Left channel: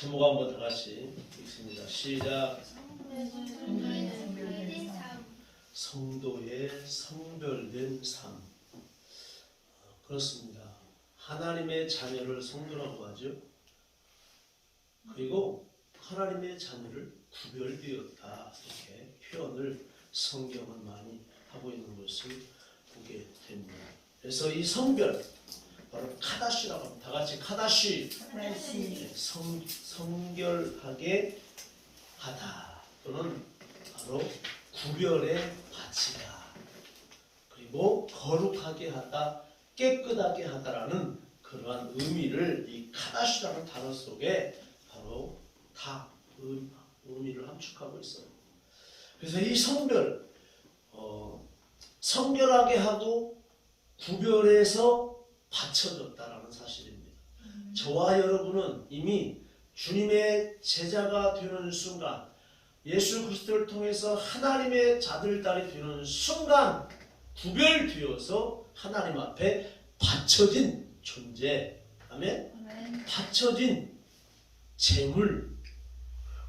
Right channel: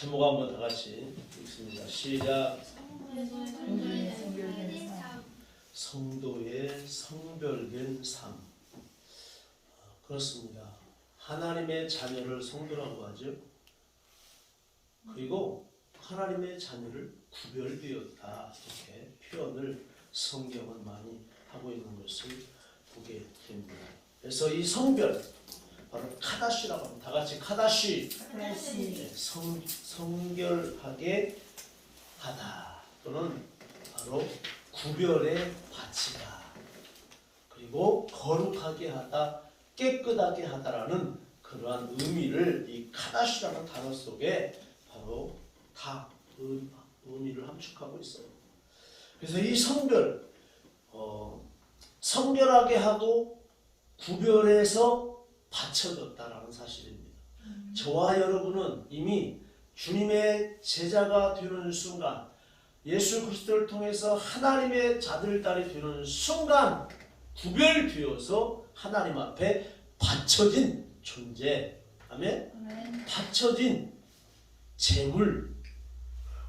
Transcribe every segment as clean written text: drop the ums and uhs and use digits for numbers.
제목 한번 다 같이 읽습니다. 시작. 성도의 성별된 삶. 그렇습니다. 하나님의 자녀를 성도라고 하죠. 그리고 하나님의 자녀를 구별되었다, 이렇게 표현을 성경은 많이 하고 있는 것을 보게 됩니다. 그래서 이 성별, 바로 카다시라고 합니다. 다 같이 카다시. 성결하게 하다, 또는 바로 구별의 가치다, 그리고 거룩하게 하다, 깨끗하게 하다라는 그러한 의미를 이 카다시라는 단어 속에 바로 다 의미를 함축하고 있어요. 그래서 이 성별, 성결하게 하고 구별해서 바쳐졌다라는 사실입니다. 저와 여러분은 이미 주님의 제자가 되는 순간, 예수 그리스도를 통해서 하나님의 자들 딸이 되는 순간 구별되어서 하나님 앞에 바쳐진 존재, 아멘? 바쳐진 재물.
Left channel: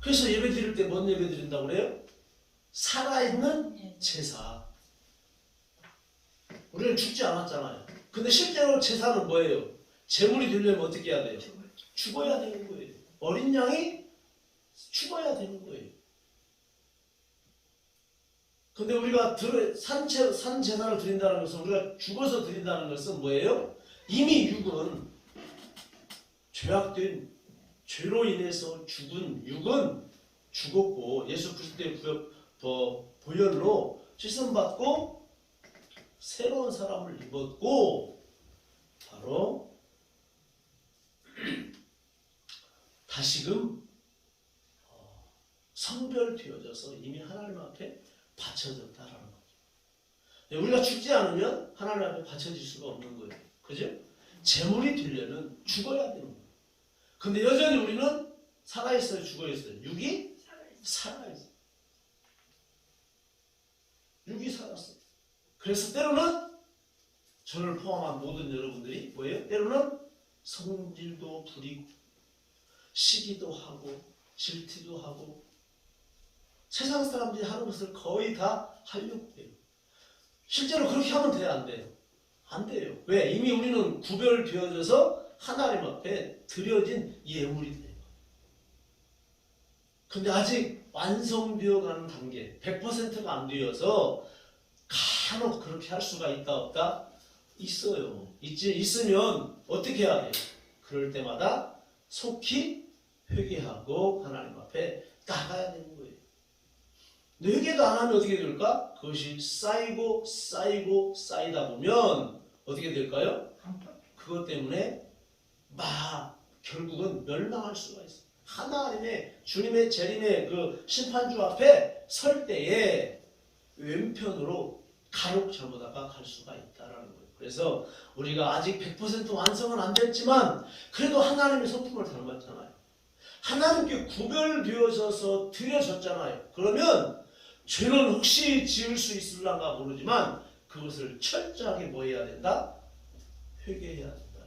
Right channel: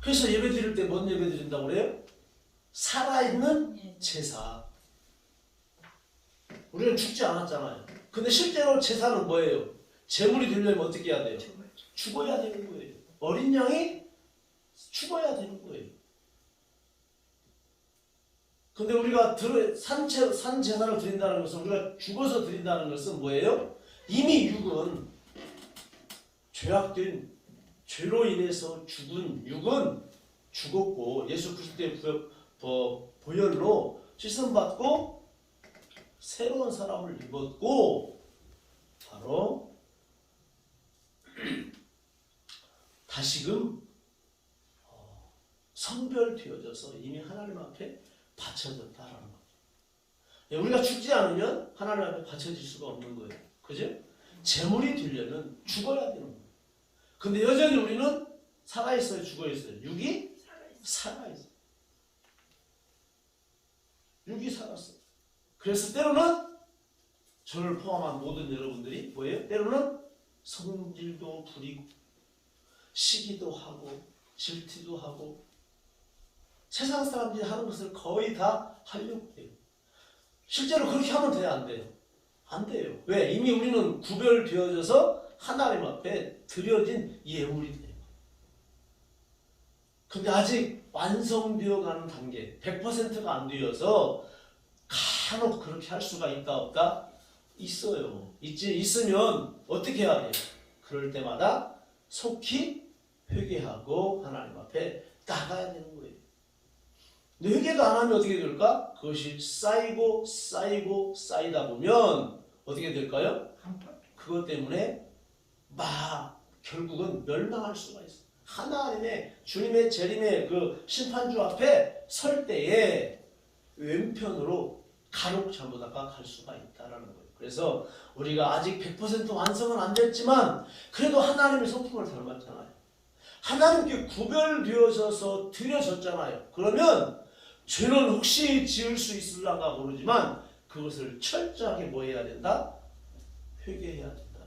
그래서 예배 드릴 때 뭔 예배 드린다고 그래요? 살아있는 제사. 우리는 죽지 않았잖아요. 근데 실제로 제사는 뭐예요? 재물이 되려면 어떻게 해야 돼요? 죽어야 되는 거예요. 어린 양이 죽어야 되는 거예요. 근데 우리가 산 제사를 드린다는 것은, 우리가 죽어서 드린다는 것은 뭐예요? 이미 육은, 죄악된 죄로 인해서 죽은 육은 죽었고, 예수 그리스도의 보혈로 씻음받고 새로운 사람을 입었고, 바로 다시금 성별되어져서 이미 하나님 앞에 바쳐졌다라는 거죠. 우리가 죽지 않으면 하나님 앞에 바쳐질 수가 없는 거예요. 그죠? 재물이 되려면 죽어야 되는 거예요. 근데 여전히 우리는 살아있어요, 죽어있어요? 육이 살아있어요. 육이 살았어요. 그래서 때로는 저를 포함한 모든 여러분들이 뭐예요? 때로는 성질도 부리고 시기도 하고 질투도 하고 세상 사람들이 하는 것을 거의 다 하려고 해요. 실제로 그렇게 하면 돼요, 안 돼요? 안 돼요. 왜? 이미 우리는 구별되어져서 하나님 앞에 드려진 예물이 돼요. 근데 아직 완성되어 가는 단계, 100%가 안 되어서 간혹 그렇게 할 수가 있다 없다? 있어요. 있으면 어떻게 해야 돼요? 그럴 때마다 속히 회개하고 하나님 앞에 나가야 되는 거예요. 회개도 안 하면 어떻게 될까? 그것이 쌓이고 쌓이고 쌓이다 보면 어떻게 될까요? 그것 때문에 결국은 멸망할 수가 있어요. 하나님의 주님의 재림의 그 심판주 앞에 설 때에 왼편으로 간혹 잘못하다가 갈 수가 있다라는 거예요. 그래서 우리가 아직 100% 완성은 안 됐지만 그래도 하나님의 성품을 닮았잖아요. 하나님께 구별되어져서 드려졌잖아요. 그러면 죄는 혹시 지을 수 있을란가 모르지만 그것을 철저하게 뭐 해야 된다? 회개해야 된다.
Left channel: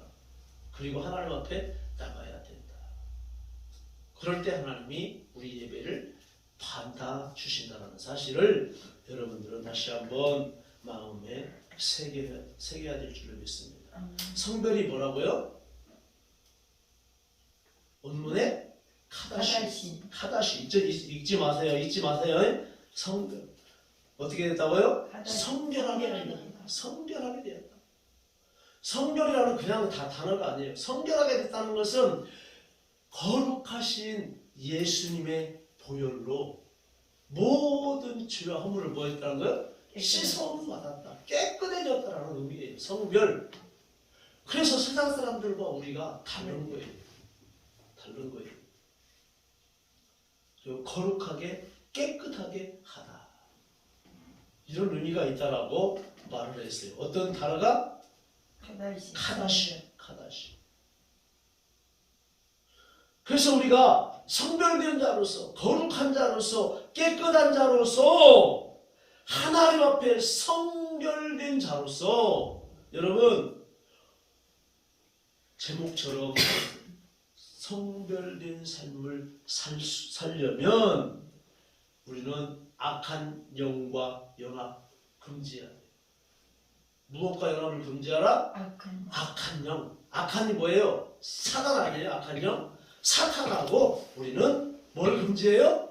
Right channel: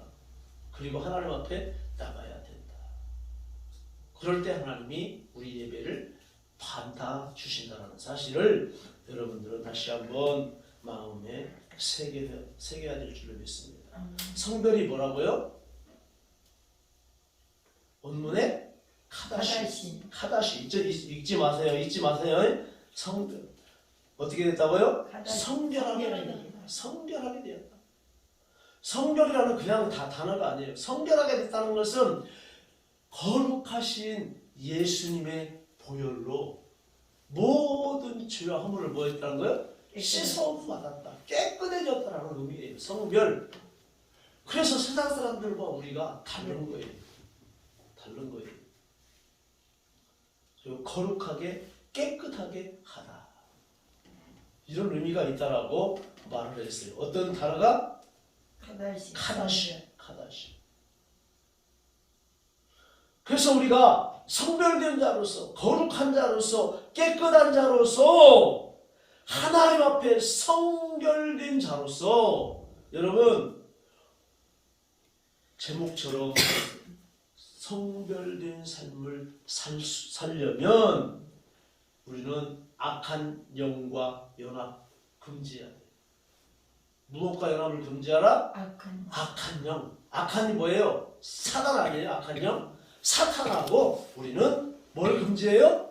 그리고 하나님 앞에 나가야 된다. 그럴 때 하나님이 우리 예배를 받아주신다는 사실을 여러분들은 다시 한번 마음에 새겨야 될 줄을 믿습니다. 성별이 뭐라고요? 본문에 카다시. 잊지 마세요. 성별. 어떻게 됐다고요? 성결하게 되었다. 성결하게 되었다. 성결이라는 그냥 다 단어가 아니에요. 성결하게 됐다는 것은 거룩하신 예수님의 보혈로 모든 죄와 허물을 뭐 했다는 거예요? 씻어움 받았다. 깨끗해졌다라는 의미예요. 성별. 그래서 세상 사람들과 우리가 다른 거예요. 다른 거예요. 그리고 거룩하게 깨끗하게 하다. 이런 의미가 있다라고 말을 했어요. 어떤 단어가? 카다시. 그래서 우리가 성별된 자로서, 거룩한 자로서, 깨끗한 자로서, 하나님 앞에 성결된 자로서, 여러분 제목처럼 성별된 삶을 살려면 우리는 악한 영과 연합 금지해야 돼. 무엇과 연합을 금지하라? 악한 영. 악한이 뭐예요? 사단 아니에요? 악한 영? 사탄하고 우리는 뭘 금지해요?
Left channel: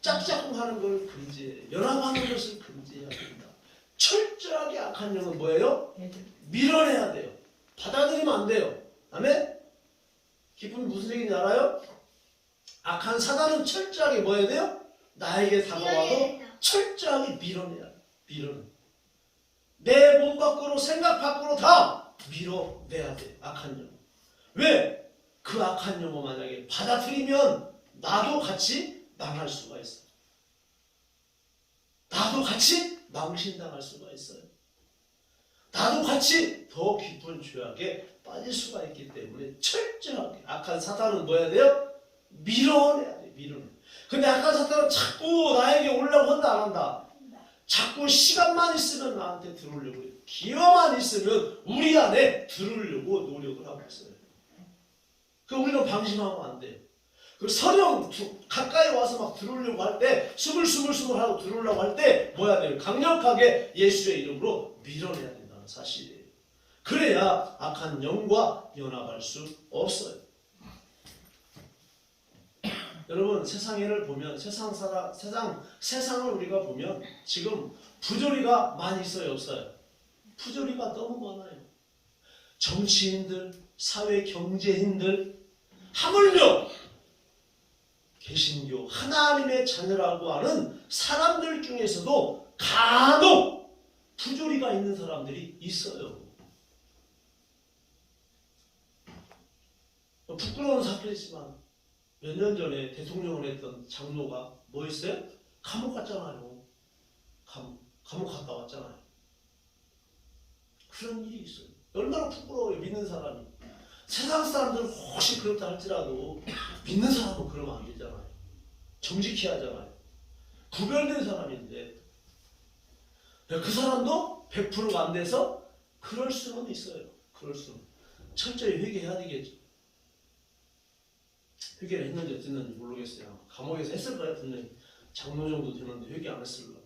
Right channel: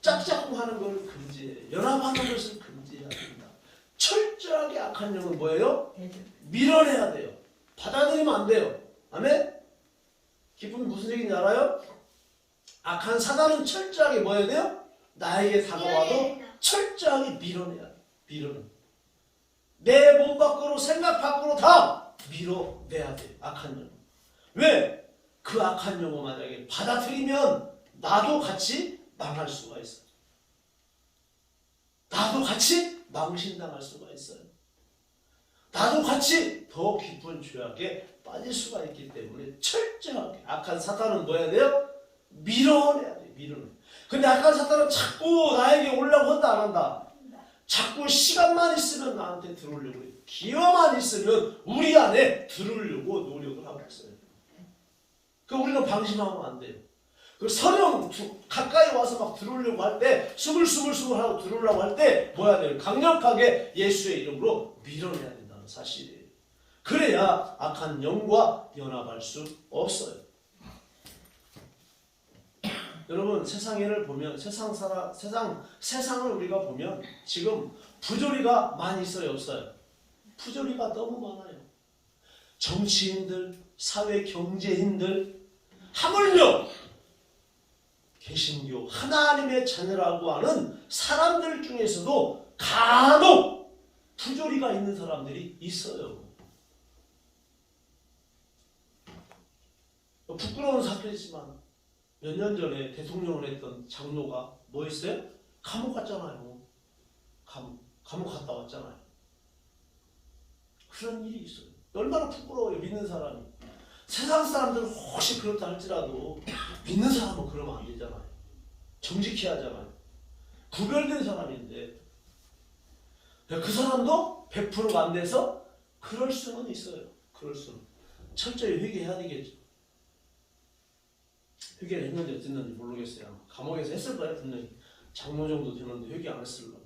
짝짝꿍하는 걸 금지해요. 연합하는 것을 금지해야 된다. 철저하게 악한 영은 뭐예요? 밀어내야 돼요. 받아들이면 안 돼요. 아멘? 기쁨이 무슨 얘기인지 알아요? 악한 사단은 철저하게 뭐 해야 돼요? 나에게 다가와도 철저하게 밀어내야 돼. 밀어내. 내 몸 밖으로 생각 밖으로 다 밀어내야 돼. 악한 영. 왜? 그 악한 영을 만약에 받아들이면 나도 같이 망할 수가 있어요. 나도 같이 망신당할 수가 있어요. 나도 같이 더 깊은 죄악에 빠질 수가 있기 때문에 철저하게 악한 사탄은 뭐 해야 돼요? 밀어내야 돼. 밀어내. 근데 악한 사탄은 자꾸 나에게 오려고 한다 안 한다? 자꾸 시간만 있으면 나한테 들어오려고 해요. 기회만 있으면 우리 안에 들으려고 노력을 하고 있어요. 그 우리는 방심하면 안 돼요. 그 서령 가까이 와서 막 들어오려고 할 때 스물스물 하고 들어오려고 할 때 뭐 해야 돼요? 강력하게 예수의 이름으로 밀어내야 된다는 사실이에요. 그래야 악한 영과 연합할 수 없어요. 여러분 세상을 보면 세상을 우리가 보면 지금 부조리가 많이 있어요, 없어요? 부조리가 너무 많아요. 정치인들, 사회 경제인들, 하물며 개신교 하나님의 자녀라고 하는 사람들 중에서도 간혹 부조리가 있는 사람들이 있어요. 부끄러운 사건이지만 몇 년 전에 대통령을 했던 장로가 뭐 했어요? 감옥 갔잖아요. 감옥 갔다 왔잖아요. 그런 일이 있어요. 얼마나 부끄러워요, 믿는 사람이. 세상 사람들은 혹시 그렇다 할지라도 믿는 사람은 그러면 안 되잖아요. 정직히 하잖아요. 구별된 사람인데 그 사람도 100%가 안 돼서 그럴 수는 있어요. 그럴 수는. 철저히 회개해야 되겠죠. 회개를 했는지 어땠는지 모르겠어요. 감옥에서 했을 거예요. 분명히. 장로 정도 되는데 회개 안 했을 거예요.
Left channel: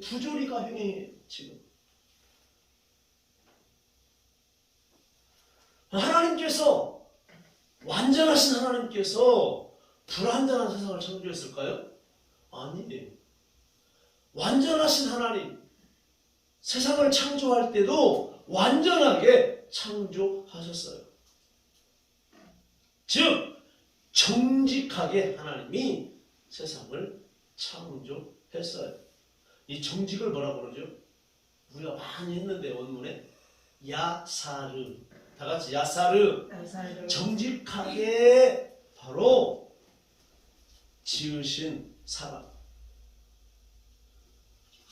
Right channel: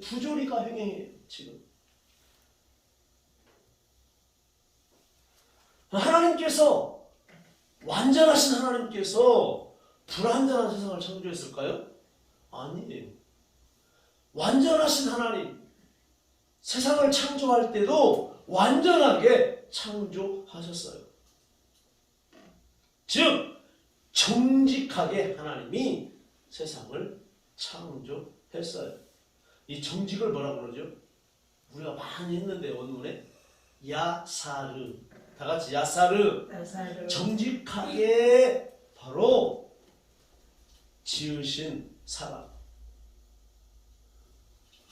부조리가 횡행해요. 지금. 하나님께서 완전하신 하나님께서 불완전한 세상을 창조했을까요? 아니에요. 완전하신 하나님 세상을 창조할 때도 완전하게 창조하셨어요. 즉 정직하게 하나님이 세상을 창조했어요. 이 정직을 뭐라고 그러죠? 우리가 많이 했는데 원문에 야사르. 다 같이 야사르. 정직하게 바로 지으신 사람.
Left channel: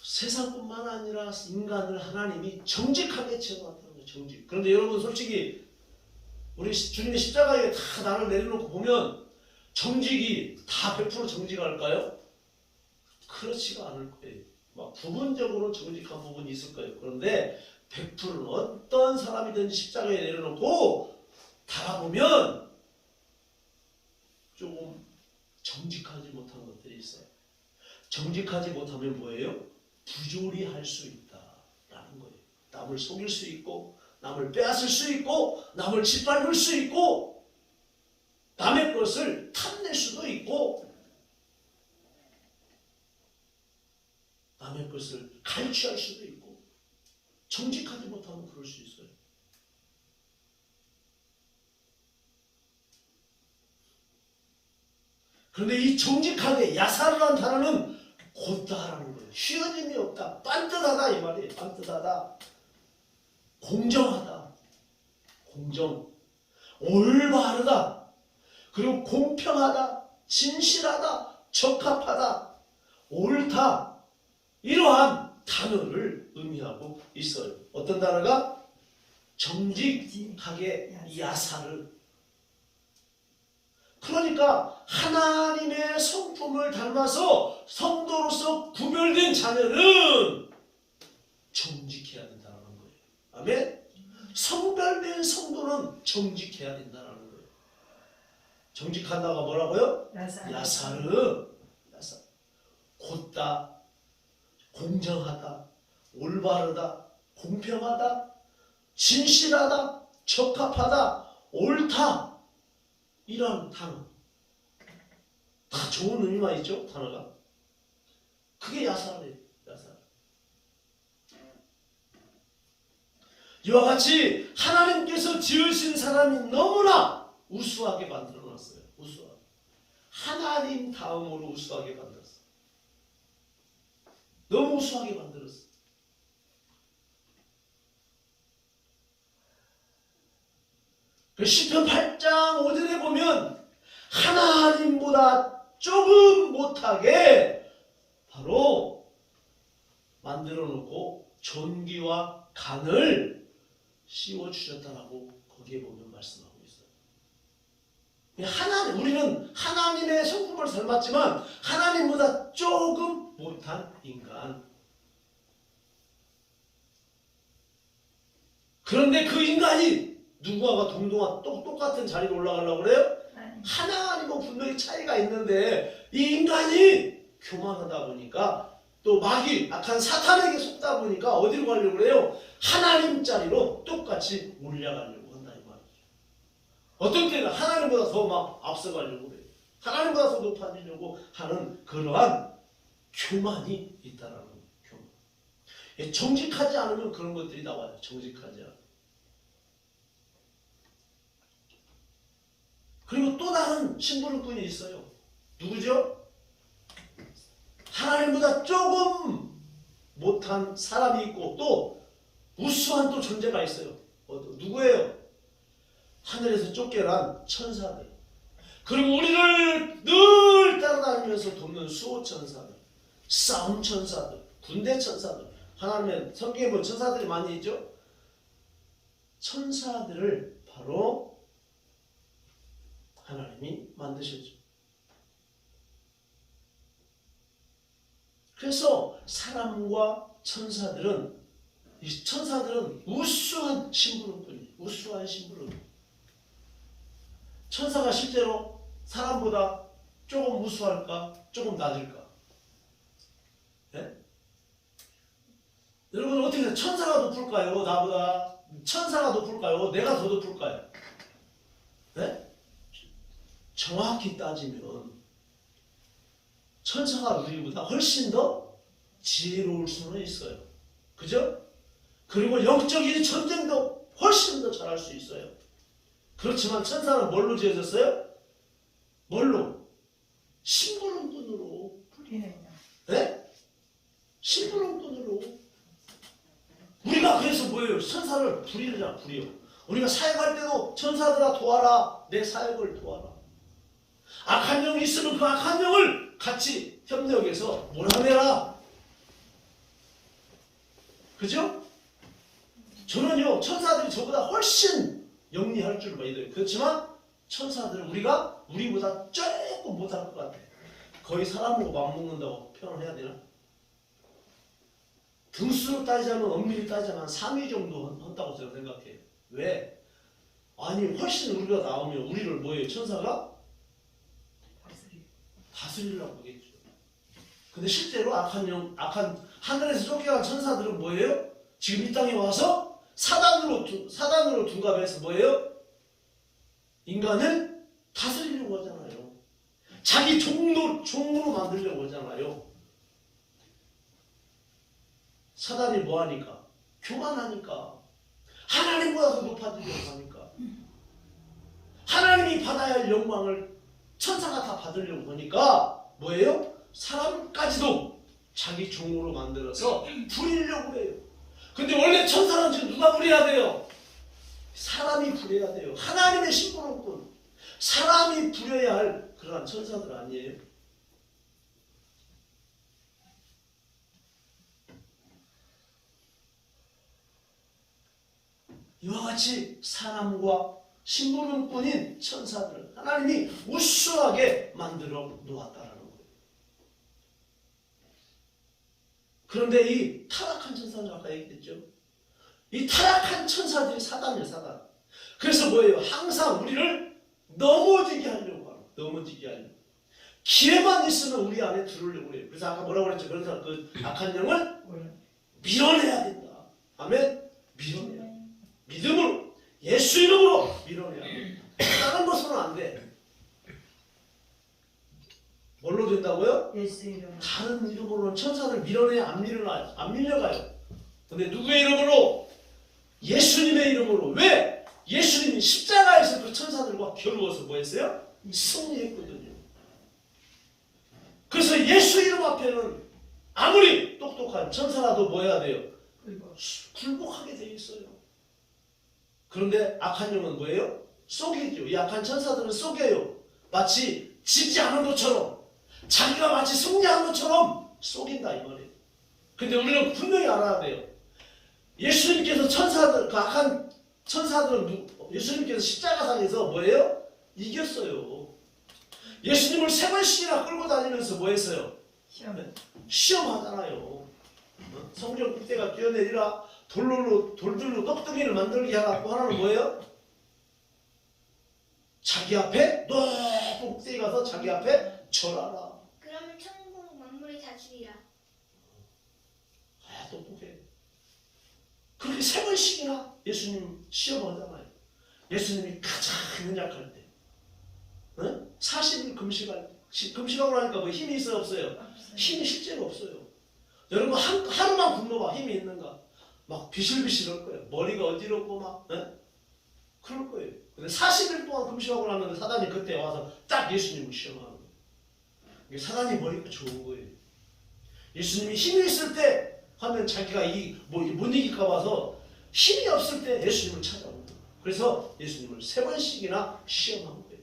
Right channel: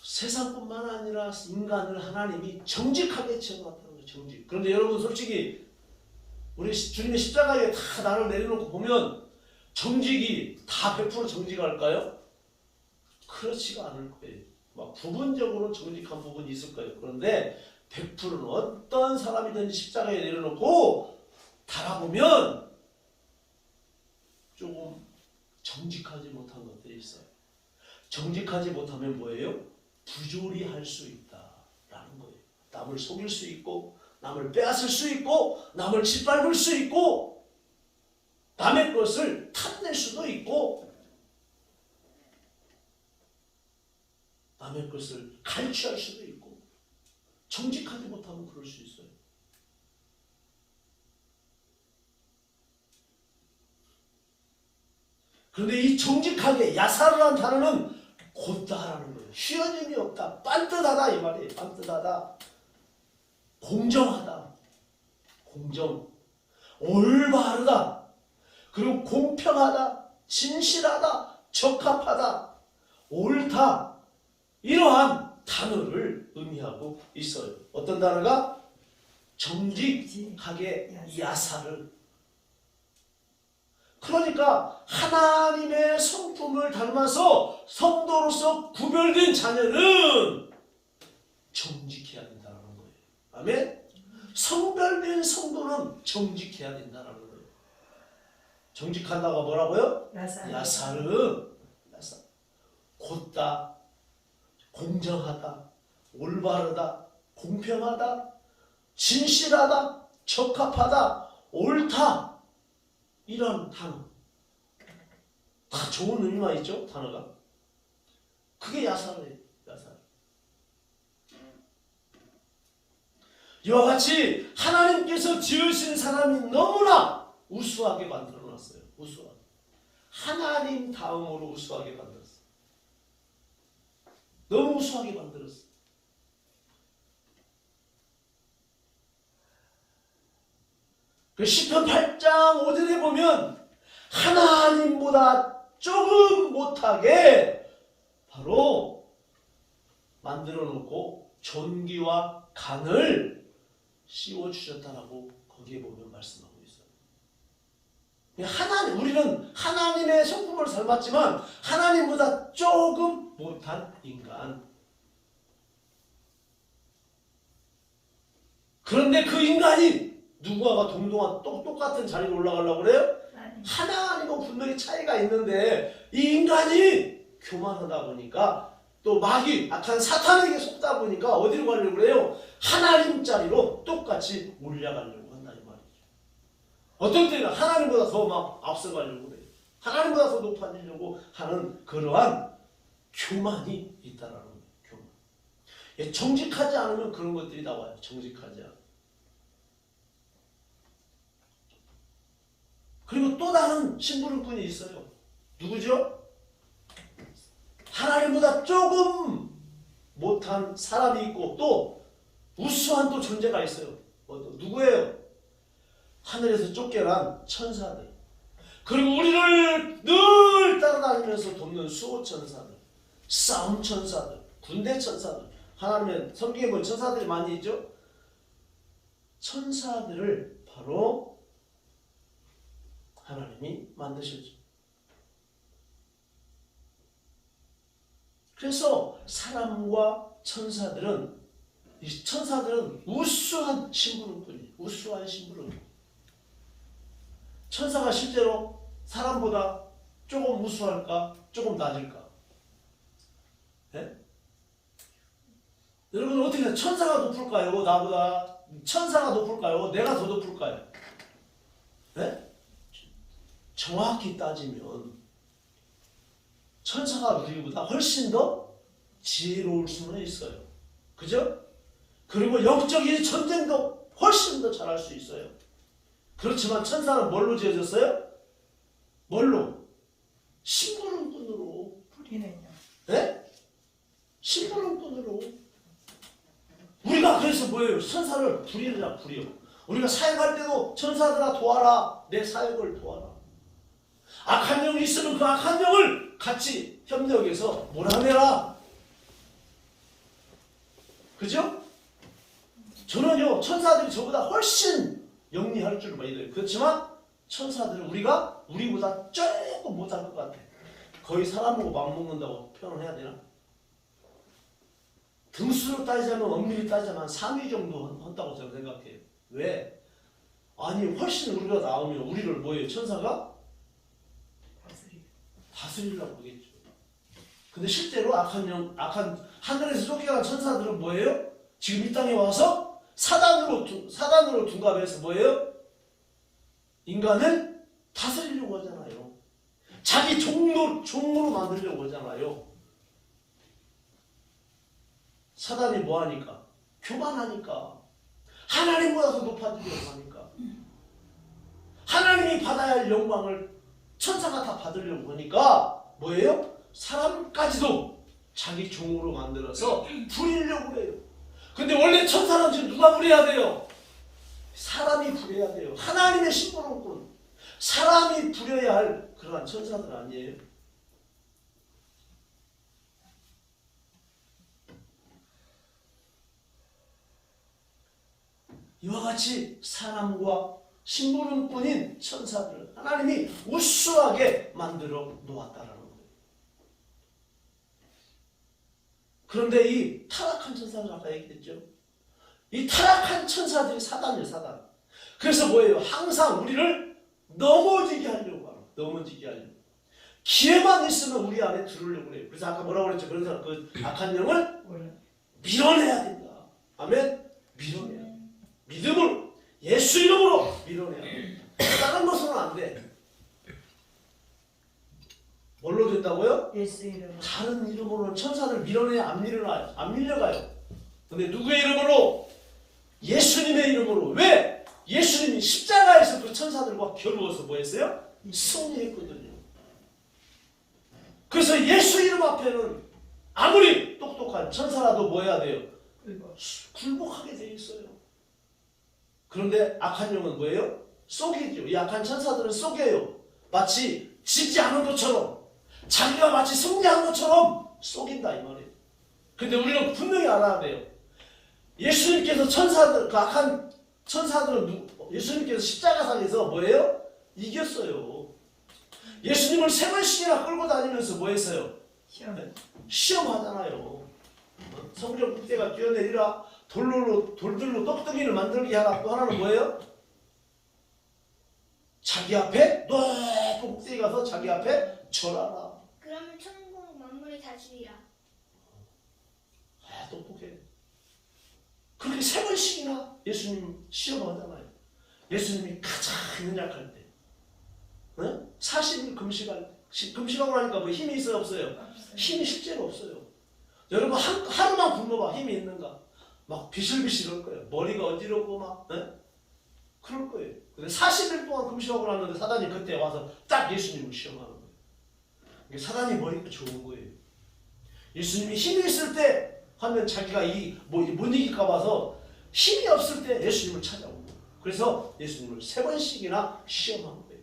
세상뿐만 아니라 인간을 하나님이 정직하게 지어놨다는 거예요. 정직. 그런데 여러분 솔직히 우리 주님의 십자가에 다 나를 내려놓고 보면 정직이 다 100% 정직할까요? 그렇지가 않을 거예요. 막 부분적으로 정직한 부분이 있을 거예요. 그런데 100%는 어떤 사람이든지 십자가에 내려놓고 달아보면 조금 정직하지 못한 것들이 있어요. 정직하지 못하면 뭐예요? 부조리할 수 있다라는 거예요. 남을 속일 수 있고 남을 빼앗을 수 있고 남을 짓밟을 수 있고 남의 것을 탐낼 수도 있고 남의 것을 갈취할 수도 있고 정직하지 못하면 그럴 수 있어요. 그런데 이 정직하게 야사르란 단어는 곧다라는 거예요. 쉬어짐이 없다. 반듯하다 이 말이에요. 반듯하다. 공정하다. 공정. 올바르다. 그리고 공평하다. 진실하다. 적합하다. 옳다. 이러한 단어를 의미하고 있어요. 어떤 단어가? 정직하게 야사르. 그러니까 하나님의 성품을 닮아서 성도로서 구별된 자녀는 정직해야 된다는 거예요. 아멘? 성별된 성도는 정직해야 된다는 거예요. 정직하다가 뭐라고요? 야사르. 곧다, 공정하다, 올바르다, 공평하다, 진실하다, 적합하다, 옳다, 이런 단어 다 좋은 의미만 있죠. 단어가 그게 야사르예요. 야사르. 이와 같이 하나님께서 지으신 사람이 너무나 우수하게 만들어놨어요. 우수하게. 하나님 다음으로 우수하게 만들었어요. 너무 우수하게 만들었어요. 그 시편 8장 5절에 보면 하나님보다 조금 못하게 바로 만들어 놓고 존귀와 간을 씌워주셨다라고 거기에 보면 말씀하고 있어요. 하나님, 우리는 하나님의 성품을 닮았지만 하나님보다 조금 못한 인간. 그런데 그 인간이 누구와가 동등한 똑같은 자리로 올라가려고 그래요? 하나님과 분명히 차이가 있는데 이 인간이 교만하다 보니까 또 마귀, 악한 사탄에게 속다 보니까 어디로 가려고 그래요? 하나님 자리로 똑같이 올라가려고 한다 이 말이죠. 어떤 때는 하나님보다 더 막 앞서가려고 그래요. 하나님보다 더 높아지려고 하는 그러한 교만이 있다라는 거예요. 교만. 정직하지 않으면 그런 것들이 나와요. 정직하지 않으면. 그리고 또 다른 심부름꾼이 있어요. 누구죠? 하나님보다 조금 못한 사람이 있고 또 우수한 또 존재가 있어요. 누구예요? 하늘에서 쫓겨난 천사들. 그리고 우리를 늘 따라다니면서 돕는 수호천사들, 싸움천사들, 군대천사들. 하나님의 성경에 보면 천사들이 많이 있죠? 천사들을 바로 하나님이 만드셨죠. 그래서 사람과 천사들은 우수한 심부름꾼이에요. 우수한 심부름. 천사가 실제로 사람보다 조금 우수할까? 조금 낮을까? 네? 여러분 어떻게 해요? 천사가 높을까요? 나보다? 천사가 높을까요? 내가 더 높을까요? 네? 정확히 따지면 천사가 우리보다 훨씬 더 지혜로울 수는 있어요. 그죠? 그리고 영적인 전쟁도 훨씬 더 잘할 수 있어요. 그렇지만 천사는 뭘로 지어졌어요? 뭘로? 심부름꾼으로. 네? 심부름꾼으로. 우리가 그래서 뭐예요? 천사를 부리자, 부려. 우리가 사역할 때도 천사들아 도와라. 내 사역을 도와라. 악한 영이 있으면 그 악한 영을 같이 협력해서 몰아내라. 그죠? 저는요 천사들이 저보다 훨씬 영리할 줄 믿어요. 그렇지만 천사들은 우리보다 조금 못할 것 같아. 거의 사람으로 맞먹는다고 표현을 해야 되나? 등수로 따지자면 엄밀히 따지자면 3위 정도 한다고 저는 생각해요. 왜? 아니 훨씬 우리가 나오면 우리를 뭐예요? 천사가? 다스리려고 하겠죠. 근데 실제로 악한 하늘에서 쫓겨난 천사들은 뭐예요? 지금 이 땅에 와서 사단으로 둔갑해서 뭐예요? 인간을 다스리려고 하잖아요. 자기 종으로 만들려고 하잖아요. 사단이 뭐 하니까? 교만하니까. 하나님보다 더 높아지려고 하니까. 하나님이 받아야 할 영광을 천사가 다 받으려고 하니까 뭐예요? 사람까지도 자기 종으로 만들어서 부리려고 해요. 근데 원래 천사는 지금 누가 부려야 돼요? 사람이 부려야 돼요. 하나님의 심부름꾼. 사람이 부려야 할 그러한 천사들 아니에요? 이와 같이 사람과 심부름꾼인 천사들을 하나님이 우수하게 만들어 놓았다라는 거예요. 그런데 이 타락한 천사들 아까 얘기했죠. 이 타락한 천사들이 사단이에요, 사단. 그래서 뭐예요? 항상 우리를 넘어지게 하려고 하는, 넘어지게 하려고. 기회만 있으면 우리 안에 들으려고 해요. 그래서 아까 뭐라고 그랬죠? 그래서 그 악한 영을 밀어내야 된다. 아멘? 밀어내야 돼. 믿음으로, 예수 이름으로 밀어내야 돼. 다른 것으로는 안 돼. 뭘로 된다고요? 예수 이름. 다른 이름으로는 천사들 밀어내야 안 밀어나요. 안 밀려가요. 근데 누구의 이름으로? 예수님의 이름으로. 왜? 예수님이 십자가에서 그 천사들과 겨루어서 뭐 했어요? 승리했거든요. 그래서 예수 이름 앞에는 아무리 똑똑한 천사라도 뭐 해야 돼요? 굴복하게 돼 있어요. 그런데 악한 영은 뭐예요? 속이죠. 이 악한 천사들은 속여요. 마치 지지 않은 것처럼, 자기가 마치 승리한 것처럼 속인다 이 말이에요. 근데 우리는 분명히 알아야 돼요. 예수님께서 천사들, 그 악한 천사들은 예수님께서 십자가상에서 뭐예요? 이겼어요. 예수님을 3번씩이나 끌고 다니면서 뭐 했어요? 시험하잖아요. 성령 국대가 뛰어내리라, 돌들로 떡덩이를 만들게 하라. 또 하나는 뭐예요? 자기 앞에 높은 꼭대기 가서 자기 앞에 절하라. 그러면 천국 만물이 다 주리라. 아, 똑똑해. 그렇게 3번씩이나 예수님 시험하잖아요. 예수님이 가장 연약할 때, 40일 금식하고 나니까 뭐 힘이 있어요, 없어요? 힘이 실제로 없어요. 여러분 하루만 굶어봐. 힘이 있는가? 막 비실비실할 거예요. 머리가 어지럽고 막 그럴 거예요. 근데 40일 동안 금식하고 났는데 사단이 그때 와서 딱 예수님을 시험하는 거예요. 사단이 머리가 좋은 거예요. 예수님이 힘이 있을 때 하면 자기가 못 이길까 봐서 힘이 없을 때 예수님을 찾아오고, 그래서 예수님을 3번씩이나 시험한 거예요.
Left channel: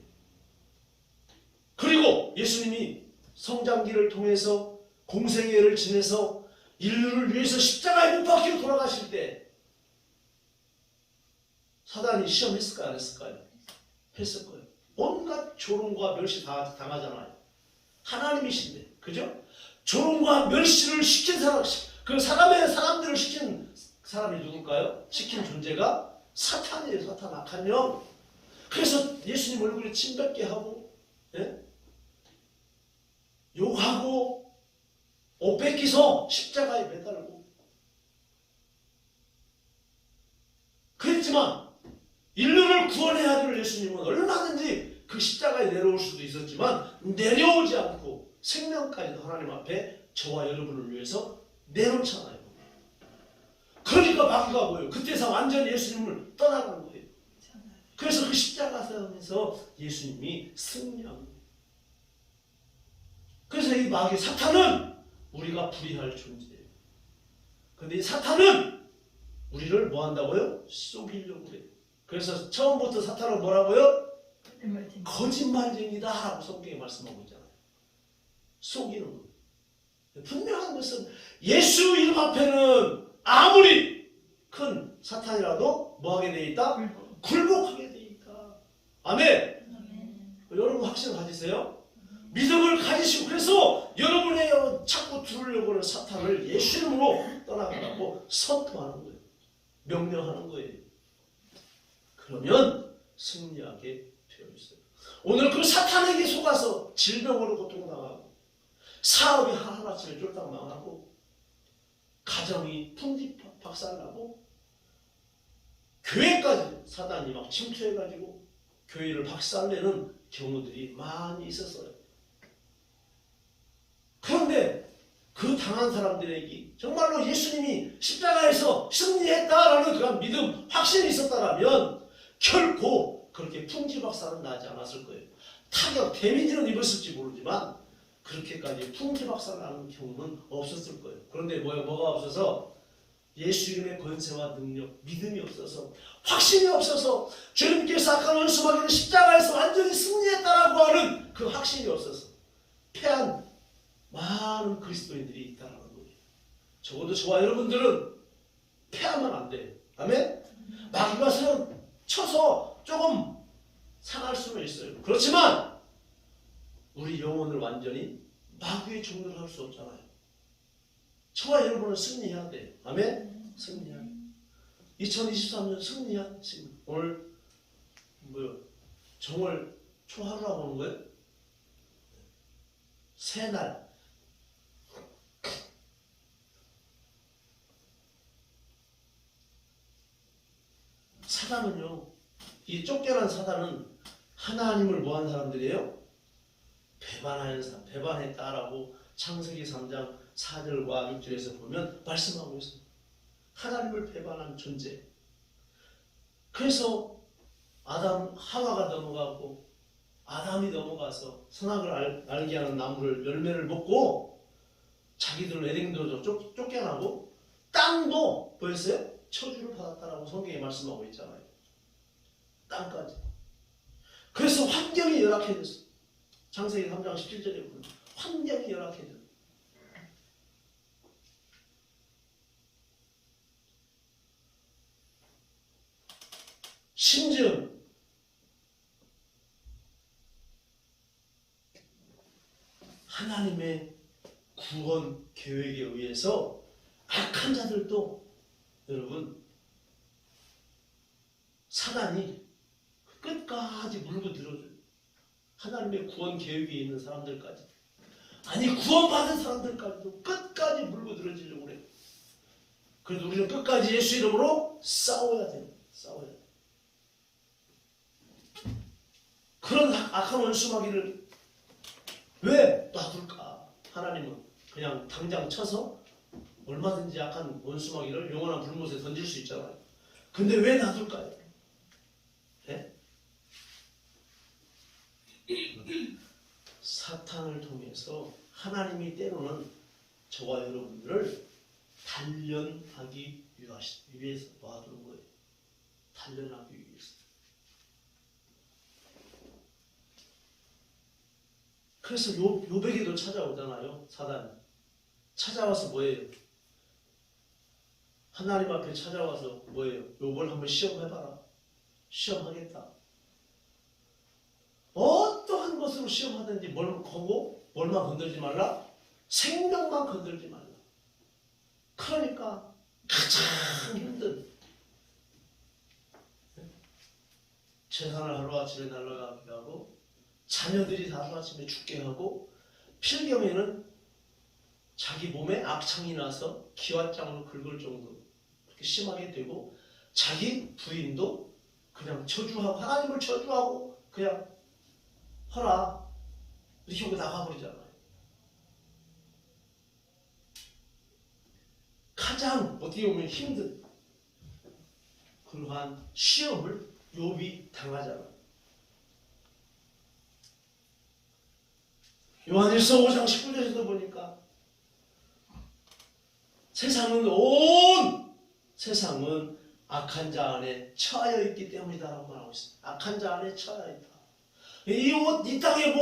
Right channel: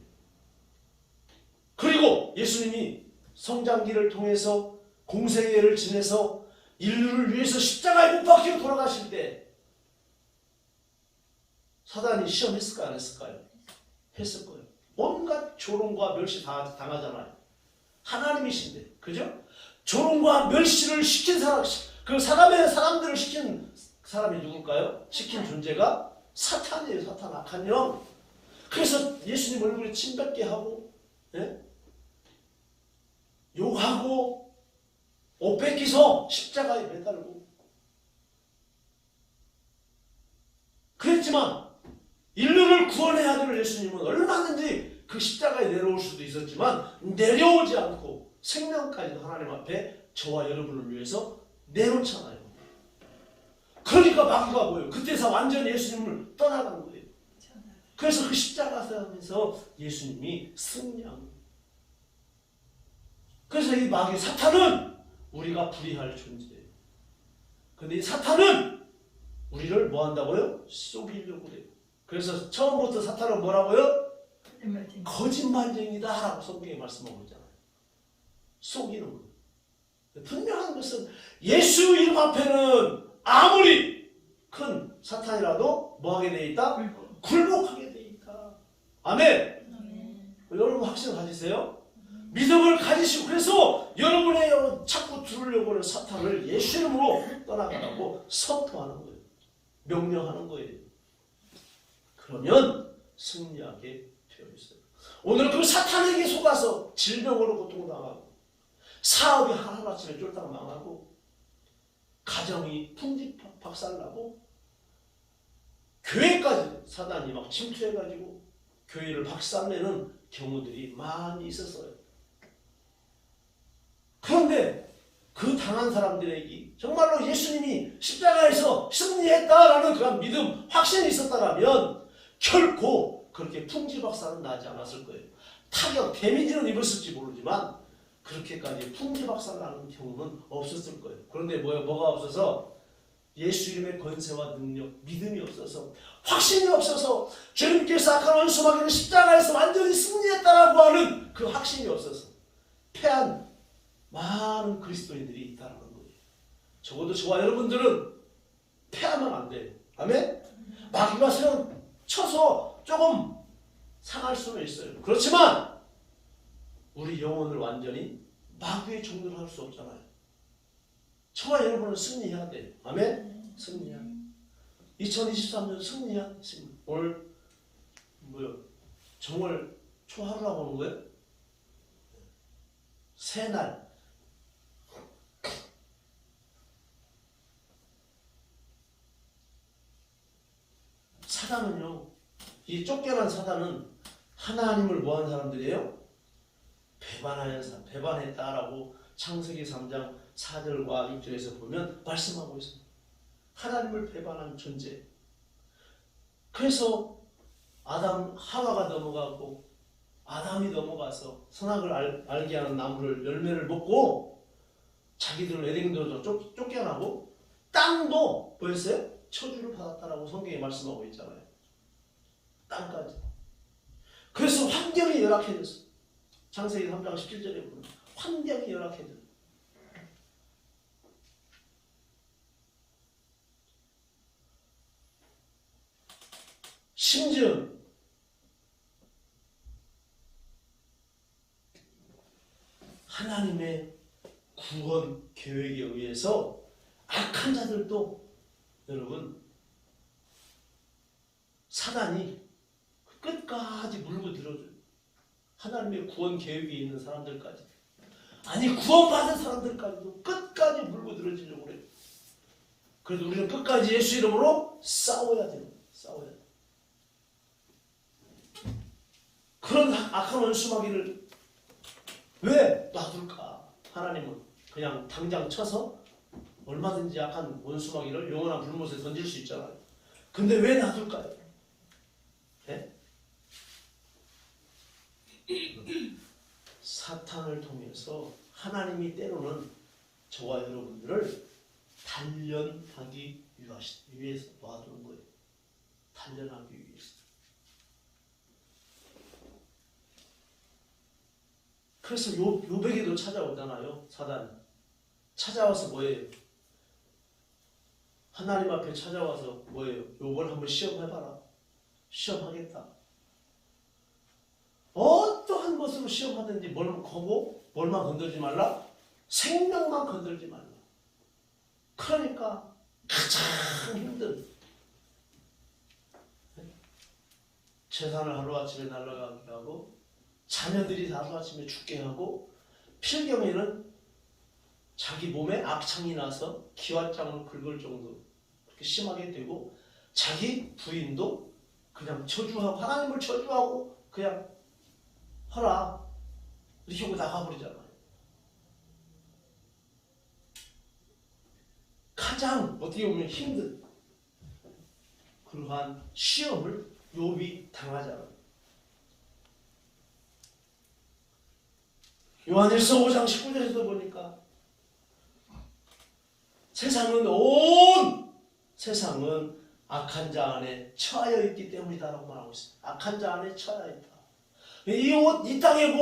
그리고 예수님이 성장기를 통해서 공생애를 지내서 인류를 위해서 십자가에 못 박히고 돌아가실 때 사단이 시험했을까요? 안 했을까요? 했을 거예요. 온갖 조롱과 멸시 다 당하잖아요. 하나님이신데, 그죠? 조롱과 멸시를 시킨 사람, 그 사람들을 시킨 사람이 누굴까요? 시킨 존재가 사탄이에요. 사탄, 악한 영. 그래서 예수님 얼굴에 침 뱉게 하고, 욕하고, 옷 뺏기서 십자가에 매달고. 그랬지만 인류를 구원해야 될 예수님은 얼마든지 그 십자가에 내려올 수도 있었지만 내려오지 않고 생명까지도 하나님 앞에 저와 여러분을 위해서 내놓잖아요. 그러니까 마귀가 뭐예요? 그때서 완전히 예수님을 떠나간 거예요. 그래서 그 십자가에서 예수님이 승리한 거예요. 그래서 이 마귀 사탄은 우리가 불의할 존재예요. 근데 이 사탄은 우리를 뭐 한다고요? 속이려고 그래요. 그래서 처음부터 사탄은 뭐라고요? 거짓말쟁이다 라고 성경에 말씀하고 있잖아요. 속이는 거예요. 분명한 것은 예수 이름 앞에는 아무리 큰 사탄이라도 뭐 하게 돼 있다? 굴복하게 돼 있다. 아멘. 여러분 확신을 가지세요. 믿음을 가지시고, 그래서 여러분의 자꾸 들으려고 하는 사탄을 예수 이름으로 떠나가라고 선포하는 거예요. 명령하는 거예요. 그러면 승리하게 되어 있어요. 오늘 그 사탄에게 속아서 질병으로 고통당하고, 사업이 하루아침에 쫄딱 망하고, 가정이 풍지박살나고, 교회까지 사단이 막 침투해가지고 교회를 박살내는 경우들이 많이 있었어요. 그런데 그 당한 사람들에게 정말로 예수님이 십자가에서 승리했다라는 그런 믿음, 확신이 있었다면 결코 그렇게 풍지박살은 나지 않았을 거예요. 타격, 데미지는 입었을지 모르지만 그렇게까지 풍지박살나는 경우는 없었을 거예요. 그런데 뭐가 없어서? 예수 이름의 권세와 능력, 믿음이 없어서, 확신이 없어서, 주님께서 악한 원수마귀를 십자가에서 완전히 승리했다라고 하는 그 확신이 없어서 패한 많은 그리스도인들이 있다는 거예요. 적어도 저와 여러분들은 패하면 안 돼요. 아멘? 마귀가 쳐서 조금 상할 수는 있어요. 그렇지만 우리 영혼을 완전히 마귀의 종로를 할 수 없잖아요. 저와 여러분은 승리해야 돼요. 아멘? 승리해야 돼요. 2023년 승리한 지금 오늘 뭐요? 정월 초하루라고 하는 거예요? 새날. 사단은요, 이 쫓겨난 사단은 하나님을 뭐한 사람들이에요? 배반하는 사람, 배반했다라고 창세기 3장 4절과 6절에서 보면 말씀하고 있습니다. 하나님을 배반한 존재. 그래서 하와가 넘어가고 아담이 넘어가서 선악을 알게 하는 나무를 열매를 먹고 자기들은 에덴으로 쫓겨나고 땅도 뭐였어요? 처주를 받았다라고 성경에 말씀하고 있잖아요. 땅까지. 그래서 환경이 열악해졌어. 창세기 3장 17절에 보면 환경이 열악해졌어. 심지어 하나님의 구원 계획에 의해서 악한 자들도 여러분 사단이 끝까지 물고 들어줘요. 하나님의 구원 계획에 있는 사람들까지, 아니 구원받은 사람들까지도 끝까지 물고 들어주려고 그래요. 그래도 우리는 끝까지 예수 이름으로 싸워야 돼요. 싸워야 돼요. 그런 악한 원수마귀를 왜 놔둘까? 하나님은 그냥 당장 쳐서 얼마든지 악한 원수마귀를 영원한 불못에 던질 수 있잖아요. 근데 왜 놔둘까요? 네? 사탄을 통해서 하나님이 때로는 저와 여러분들을 단련하기 위해서 놔두는 거예요. 단련하기 위해서. 그래서 요백에도 찾아오잖아요. 사단이. 찾아와서 뭐예요? 하나님 앞에 찾아와서 뭐예요? 요걸 한번 시험해봐라. 시험하겠다. 어떠한 것으로 시험하든지 뭘만 건들지 말라? 생명만 건들지 말라. 그러니까 가장 힘든 재산을 하루아침에 날아가게 하고 자녀들이 하루아침에 죽게 하고 필경에는 자기 몸에 악창이 나서 기왓장을 긁을 정도로 그렇게 심하게 되고 자기 부인도 그냥 저주하고 하나님을 저주하고 그냥 하라 이렇게 하고 나가버리잖아요. 가장 어떻게 보면 힘든 그러한 시험을 욥이 당하잖아요. 요한일서 5장 19절에서도 보니까 세상은 악한 자 안에 처하여 있기 때문이다라고 말하고 있습니다. 악한 자 안에 처하여 있다. 이 땅의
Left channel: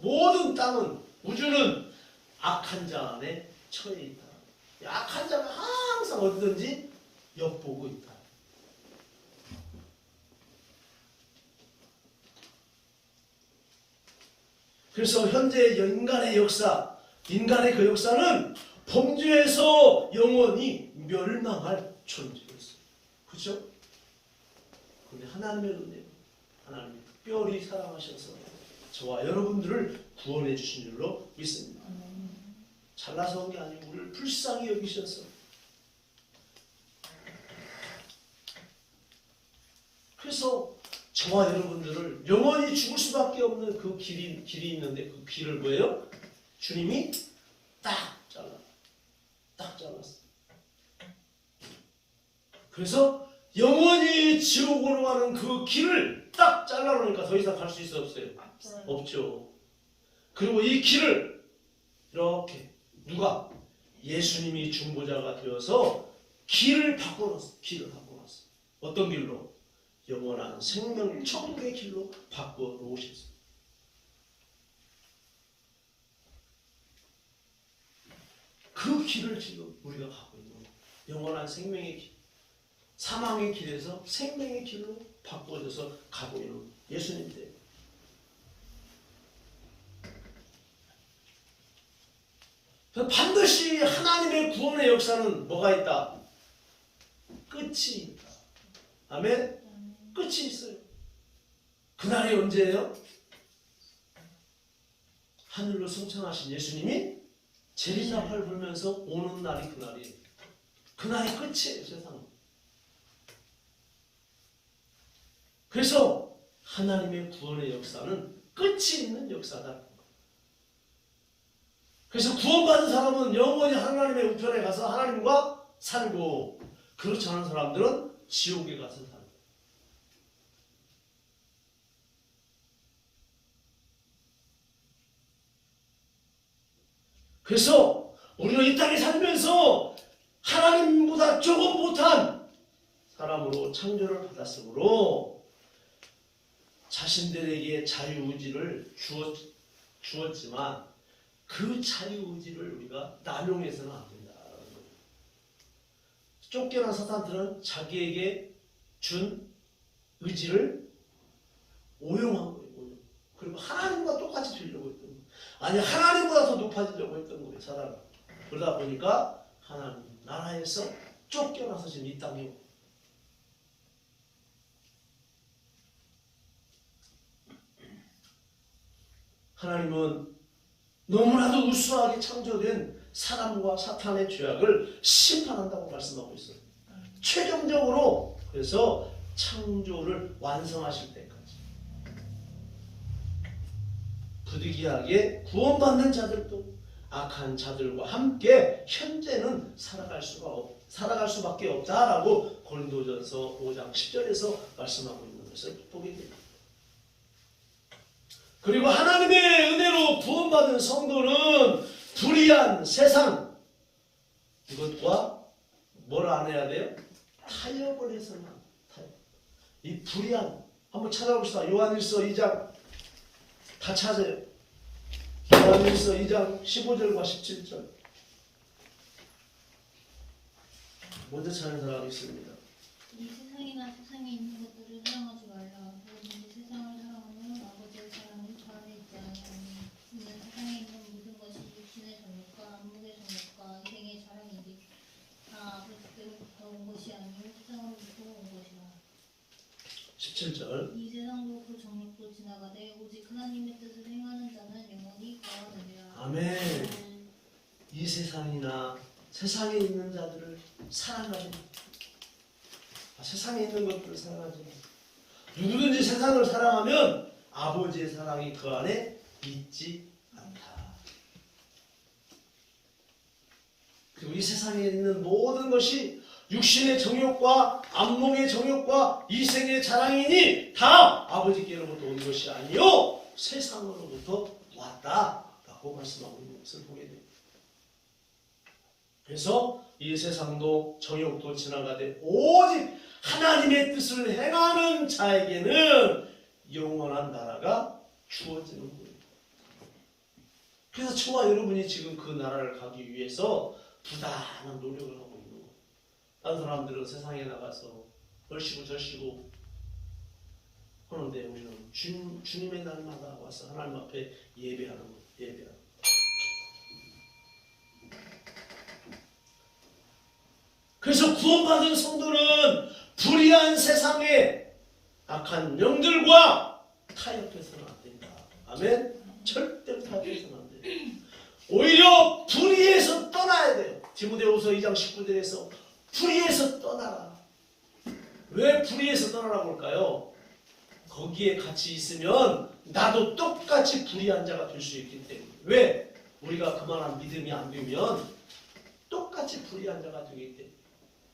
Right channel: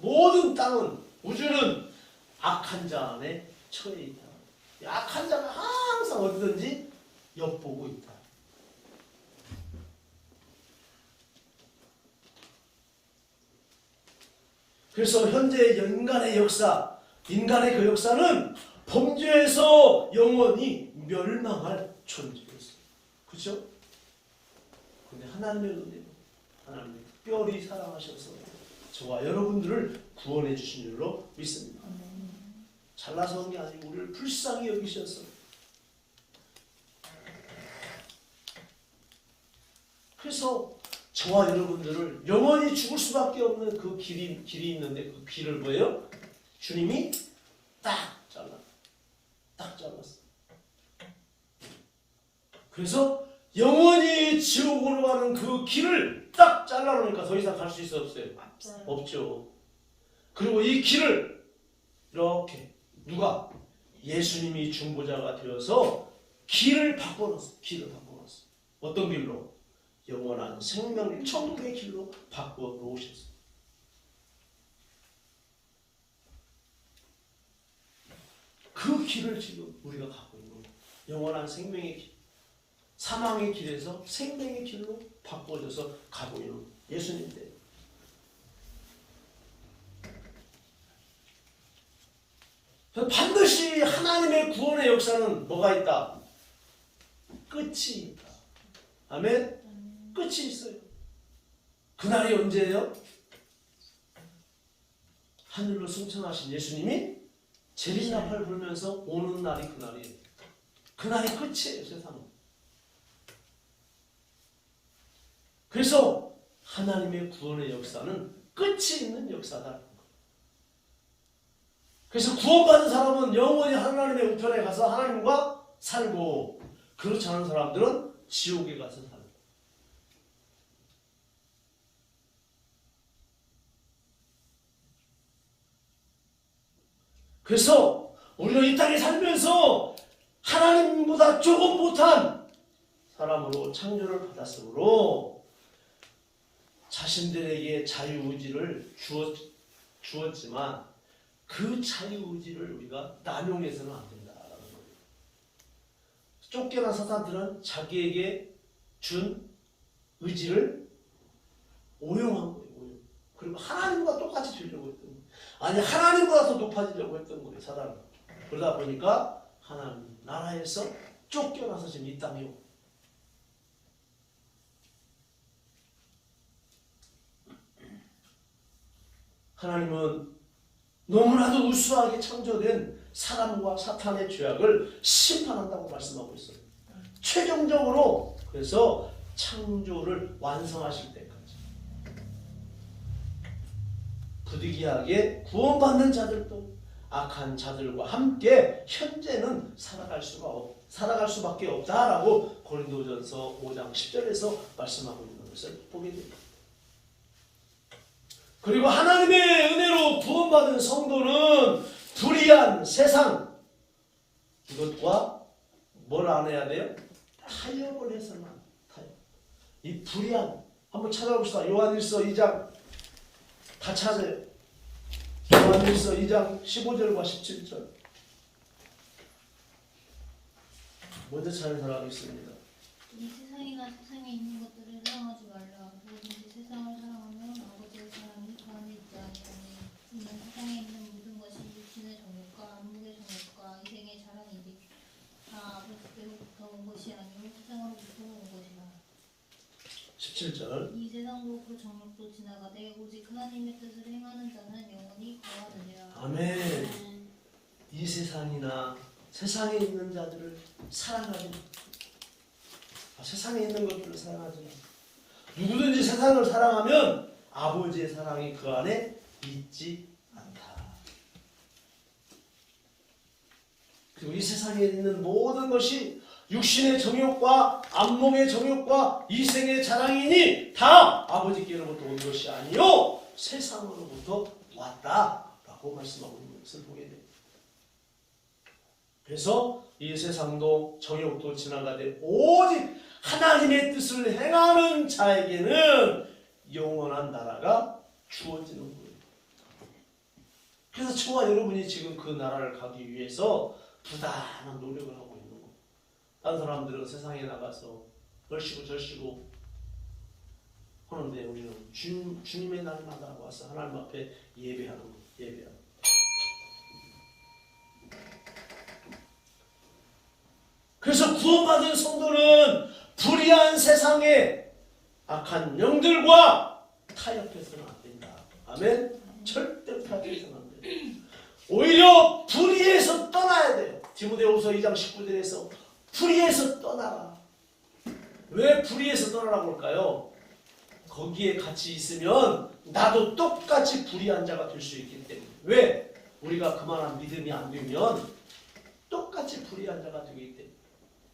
모든 땅은 우주는 악한 자 안에 처해 있다. 악한 자가 항상 어디든지 엿보고 있다. 그래서 현재 인간의 그 역사는 범죄에서 영원히 멸망할 존재였어요. 그렇죠? 그런데 하나님의 은혜로 하나님이 특별히 사랑하셔서 저와 여러분들을 구원해 주신 줄로 믿습니다. 잘나서 온 게 아니고 우리를 불쌍히 여기셔서 그래서 저와 여러분들을 영원히 죽을 수밖에 없는 그 길이 있는데 그 길을 뭐예요? 주님이 딱 잘랐어. 그래서 영원히 지옥으로 가는 그 길을 딱 잘라놓으니까 더 이상 갈 수 있어요? 없어요? 없죠. 그리고 이 길을 이렇게 누가? 예수님이 중보자가 되어서 길을 바꿔놨어. 어떤 길로? 영원한 생명 천국의 길로 바꿔놓으셨어요. 그 길을 지금 우리가 갖고 있는 거예요. 영원한 생명의 길. 사망의 길에서 생명의 길로 바꿔져서 가고 있는 예수님들. 반드시 하나님의 구원의 역사는 뭐가 있다? 끝이 있다. 아멘? 끝이 있어요. 그날이 언제예요? 하늘로 승천하신 예수님이 재림나팔 불면서 오는 날이 그날이에요. 그날이 끝이에요, 세상은. 그래서 하나님의 구원의 역사는 끝이 있는 역사다. 그래서 구원받은 사람은 영원히 하나님의 우편에 가서 하나님과 살고, 그렇지 않은 사람들은 지옥에 가서 살고. 그래서 우리는 이 땅에 살면서 하나님보다 조금 못한 사람으로 창조를 받았으므로 자신들에게 자유의지를 주었지만 그 자유의지를 우리가 남용해서는 안 된다라는 거예요. 쫓겨난 사탄들은 자기에게 준 의지를 오용한 거예요. 그리고 하나님과 똑같이 되려고 했던 거예요. 아니, 하나님보다 더 높아지려고 했던 거예요, 사단은. 그러다 보니까 하나님 나라에서 쫓겨나서 지금 이 땅에 오고. 하나님은 너무나도 우수하게 창조된 사람과 사탄의 죄악을 심판한다고 말씀하고 있어요. 최종적으로. 그래서 창조를 완성하실 때까지 부득이하게 구원받는 자들도 악한 자들과 함께 현재는 살아갈 수밖에 없다라고 고린도전서 5장 10절에서 말씀하고 있는 것을 보게 됩니다. 그리고 하나님의 은혜로 구원받은 성도는 불의한 세상, 이것과 뭘 안 해야 돼요? 타협을 해서만. 이 불의한, 한번 찾아봅시다. 요한일서 2장 다 찾아요. 요한일서 2장 15절과 17절. 먼저 찾는 사람이 있습니다. 이 세상이나 세상에 있는 것들을 사랑하지 말라. 누구든지 세상을 사랑하면 아버지의 사랑을 그 안에 있지 아니하니. 이는 세상에 있는 모든 것이 육신의 정욕과 안목의 정욕과 이생의 자랑이지. 다 아버지께로부터 온 것이 아니요 세상으로부터 온 것이라. 17절. 이 세상도 그 정욕도 지나가되 오직 하나님의 뜻을 행하는 자는 영원히 거하느니라. 아멘. 이 세상이나 세상에 있는 자들을 사랑하지 마. 세상에 있는 것들을 사랑하지 마. 누구든지 세상을 사랑하면 아버지의 사랑이 그 안에 있지 않다. 그리고 이 세상에 있는 모든 것이 육신의 정욕과 안목의 정욕과 이생의 자랑이니 다 아버지께로부터 온 것이 아니요 세상으로부터 왔다라고 말씀하고 있는 것을 보게 됩니다. 그래서 이 세상도 정욕도 지나가되 오직 하나님의 뜻을 행하는 자에게는 영원한 나라가 주어지는 거예요. 그래서 저와 여러분이 지금 그 나라를 가기 위해서 부단한 노력을 하고 있는 거예요. 다른 사람들은 세상에 나가서 얼씨구 절씨구 하는데 우리는 주님의 날마다 와서 하나님 앞에 예배하는 거예요. 예배하는 거예요. 그래서 구원받은 성도는 불의한 세상의 악한 영들과 타협해서는 안 된다. 아멘? 절대로 타협해서는 안 된다. 오히려 불의에서 떠나야 돼요. 디모데후서 2장 19절에서 불의에서 떠나라. 왜 불의에서 떠나라고 할까요? 거기에 같이 있으면 나도 똑같이 불의한 자가 될 수 있기 때문에. 왜? 우리가 그만한 믿음이 안 되면 똑같이 불의한 자가 되기 때문에.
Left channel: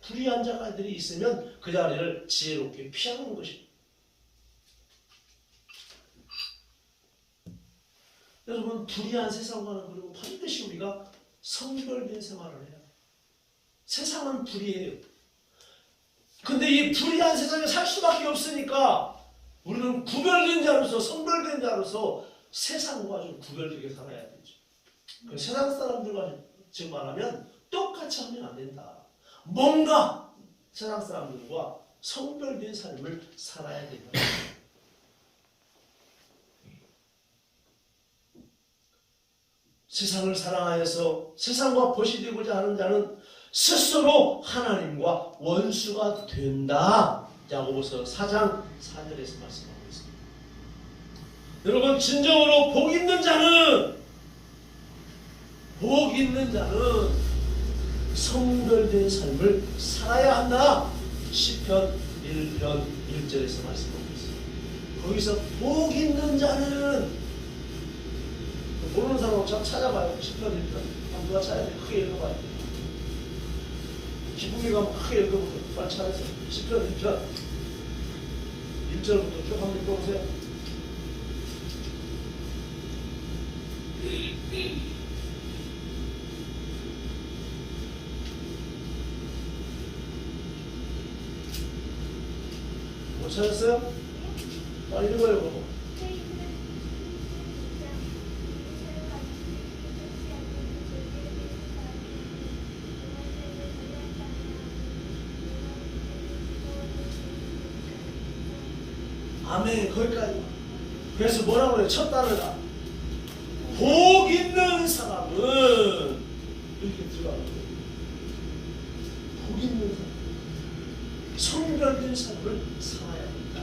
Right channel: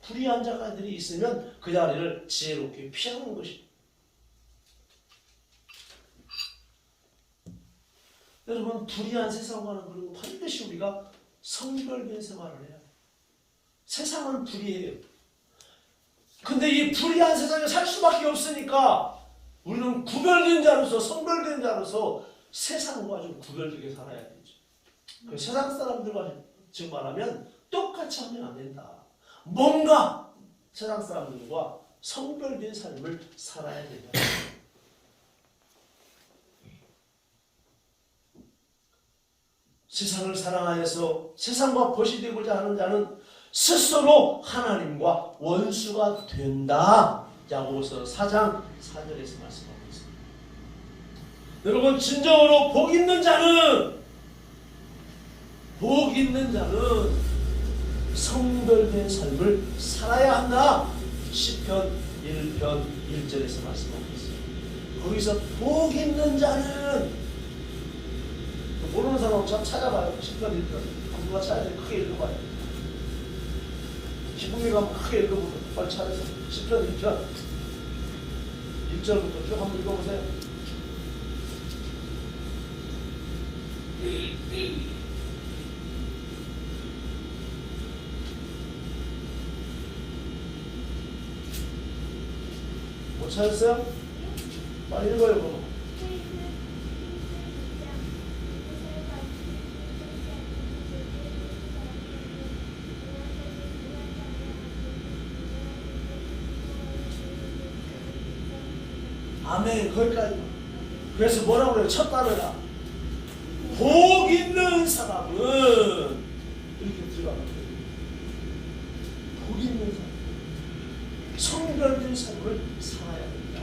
불의한 자들이 있으면 그 자리를 지혜롭게 피하는 것입니다. 여러분, 불의한 세상과는 그리고 반드시 우리가 성별된 생활을 해야 돼요. 세상은 불의해요. 근데 이 불의한 세상에 살 수밖에 없으니까 우리는 구별된 자로서, 성별된 자로서 세상과 좀 구별되게 살아야 되죠. 그 세상 사람들과 즉 말하면 똑같이 하면 안 된다. 뭔가 세상 사람들과 성별된 삶을 살아야 된다. 세상을 사랑하여서 세상과 벗이 되고자 하는 자는 스스로 하나님과 원수가 된다. 야고보서 4장 4절에서 말씀하고 있습니다. 여러분, 진정으로 복 있는 자는 성별된 삶을 살아야 한다. 시편 1편 1절에서 말씀하고 있습니다. 거기서 복 있는 자는, 모르는 사람은 저 찾아봐요. 시편 1편 누가 찾아야 돼? 크게 읽어봐요. 기쁨이 가면 크게 읽어보세요. 빨리 찾아서 시편 1편 1절부터 쭉 한번 읽어보세요. 못 찾았어요? 빨리 읽어요. 그거. 아멘. 거기까지. 그래서 뭐라고 그래요? 첫 단어가 복 있는 사람은 이렇게 들어가는 거예요. 복 있는 사람, 성별된 삶을 살아야 된다.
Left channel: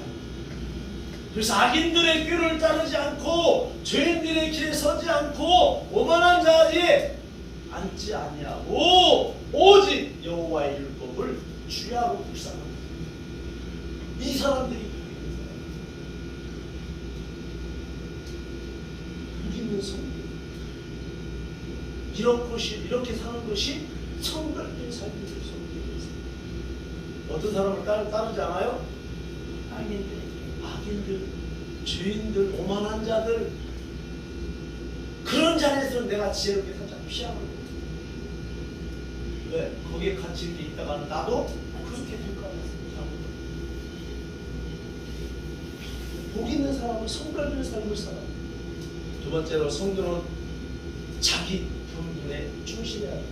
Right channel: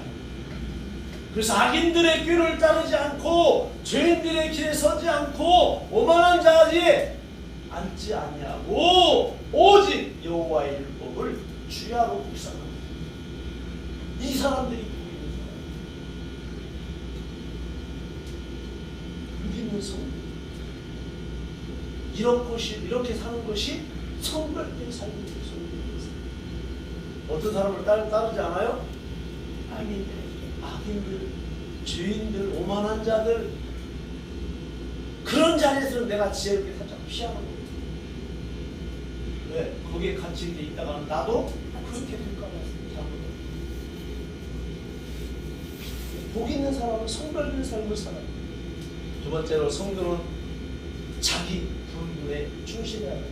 그래서 악인들의 꾀를 따르지 않고 죄인들의 길에 서지 않고 오만한 자리에 앉지 아니하고 오직 여호와의 율법을 주야로 묵상합니다. 이 사람들이 이렇게 사는 것이 성별된 삶이에요. 어떤 사람을 따르지 않아요? 악인들, 죄인들, 오만한 자들, 그런 자리에서는 내가 지혜롭게 살짝 피하는 거예요. 왜? 거기에 갇힌 게 있다가 나도 그렇게 될까 봐. 복 있는 사람은 성별된 삶을 살아요. 두 번째로, 성도는 자기 분분에 충실해야 합니다.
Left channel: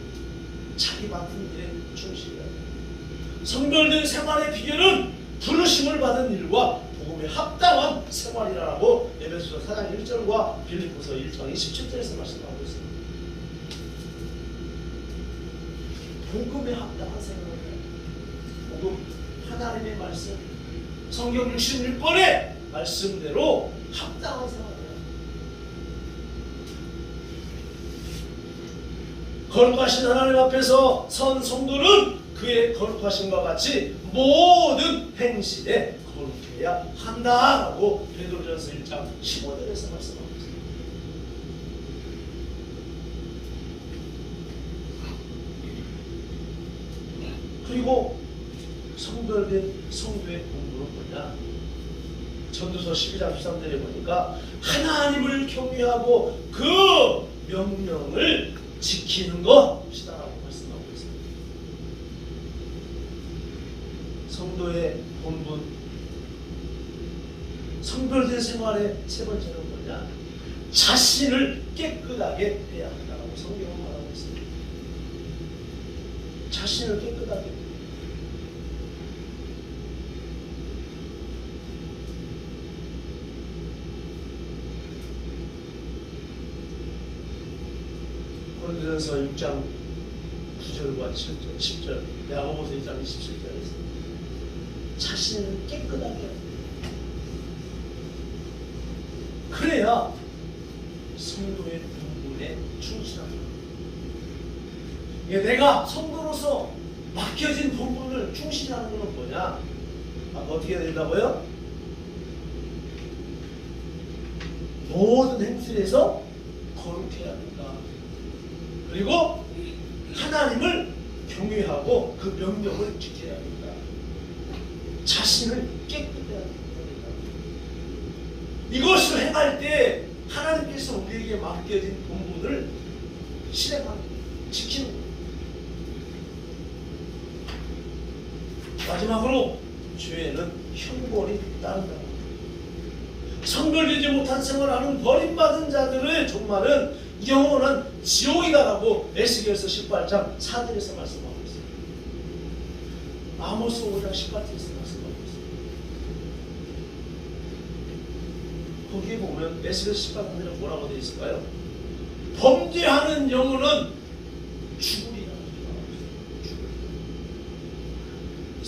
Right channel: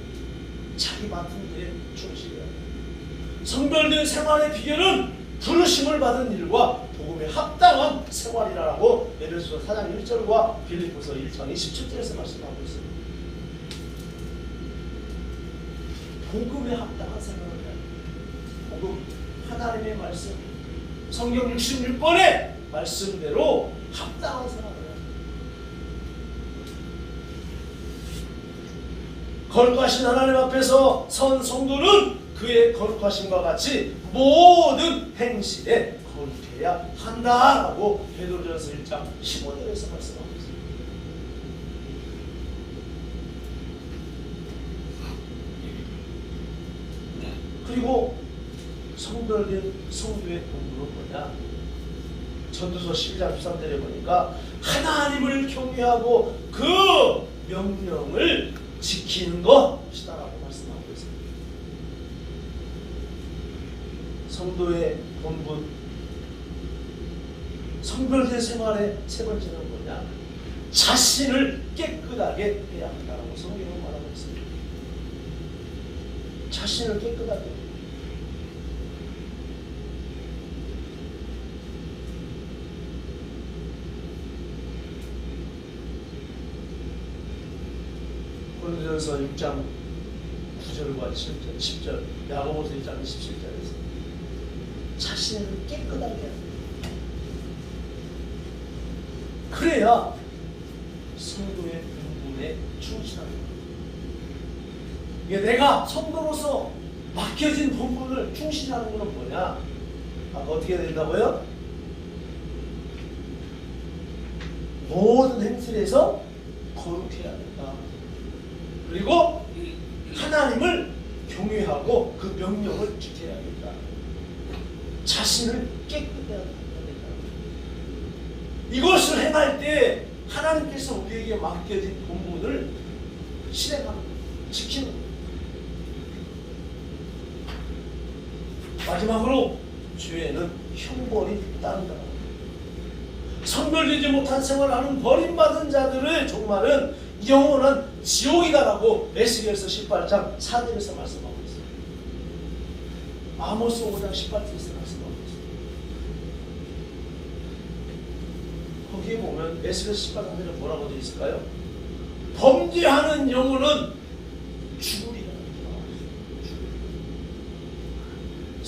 자기 맡은 일에 충실해야 합니다. 성별된 생활의 비결은 부르심을 받은 일과 복음에 합당한 생활이라고 에베소서 4장 1절과 빌립보서 1장 27절에서 말씀하고 있습니다. 복음에 합당한 생활을 해야 합니다. 복음, 하나님의 말씀, 성경 66번의 말씀대로 합당한 생활을 해야 합니다. 거룩하신 하나님 앞에서 선 성도는 그의 거룩하심과 같이 모든 행실에 거룩해야 한다라고 베드로전서 1장 15절에서 말씀하고 있습니다. 그리고 성별된 성도의 본분은 뭐냐? 전도서 12장 13절에 보니까 하나님을 경외하고 그 명령을 지키는 것이다라고 말씀하고 있습니다. 성도의 본분, 성별된 생활의 세 번째는 뭐냐? 자신을 깨끗하게 해야 한다라고 성경은 말하고 있습니다. 자신을 깨끗하게. 고린도전서 6장 9절과 7절, 10절, 야고보서 1장 27절에서 자신을 깨끗하게 해야 합니다. 그래야 성도의 본분에 충실합니다. 내가 성도로서 맡겨진 본분을 충실하는 것은 뭐냐? 어떻게 해야 된다고요? 모든 행실에서 거룩해야 된다. 그리고 하나님을 경외하고 그 명령을 지켜야 된다. 자신을 깨끗해야 된다. 이것을 행할 때 하나님께서 우리에게 맡겨진 본분을 실행하는, 지키는 것. 마지막으로 죄에는 형벌이 따른다. 성별되지 못한 생활하는 버림받은 자들의 종말은 영원한 지옥이다라고 에스겔서 18장 4절에서 말씀하고 있어요. 아모스 5장 18절에서 말씀하고 있어요. 거기에 보면 에스겔서 18장에 뭐라고 되어 있을까요? 범죄하는 영혼은 죽으리라고 되어 있어요.